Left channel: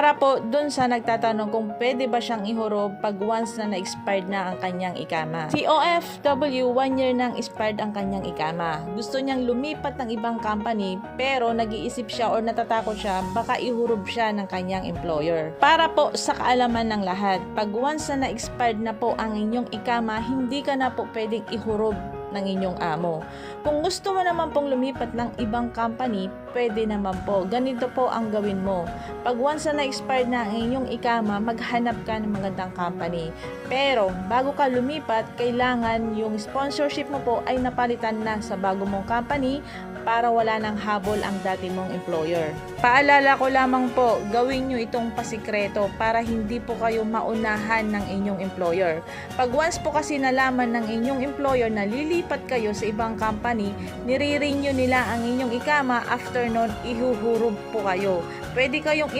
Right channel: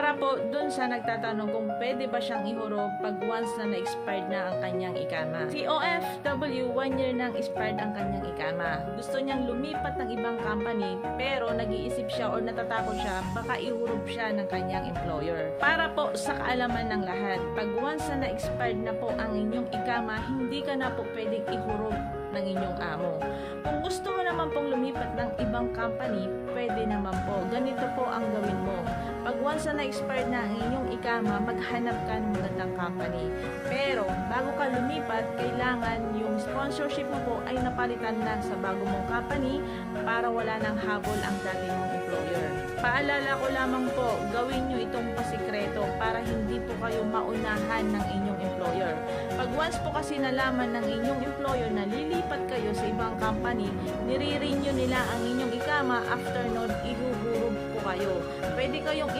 Para po dun sa nagtatanong kung pwede ba siyang ihurog pag once na na-expired na ang kanyang ikama. Si OFW, 1 year nang expired ang kanyang ikama. Gusto niyang lumipat ng ibang company pero nag-iisip siya or natatakot siya baka ihurog siya ng kanyang employer. Para po sa kaalaman ng lahat, pag once na na-expired na po ang inyong ikama, hindi ka na po pwedeng ihurog ng inyong amo. Kung gusto mo naman pong lumipat ng ibang company, pwede naman po. Ganito po ang gawin mo. Pag once na na-expired na ang inyong ikama, maghanap ka ng magandang company. Pero, bago ka lumipat, kailangan yung sponsorship mo po ay napalitan na sa bago mong company para wala nang habol ang dati mong employer. Paalala ko lamang po, gawin nyo itong pasikreto para hindi po kayo maunahan ng inyong employer. Pag once po kasi nalaman ng inyong employer na lilipat kayo sa ibang company, nire-renew nila ang inyong ikama, after nun, ihuhurog po kayo. Pwede kayong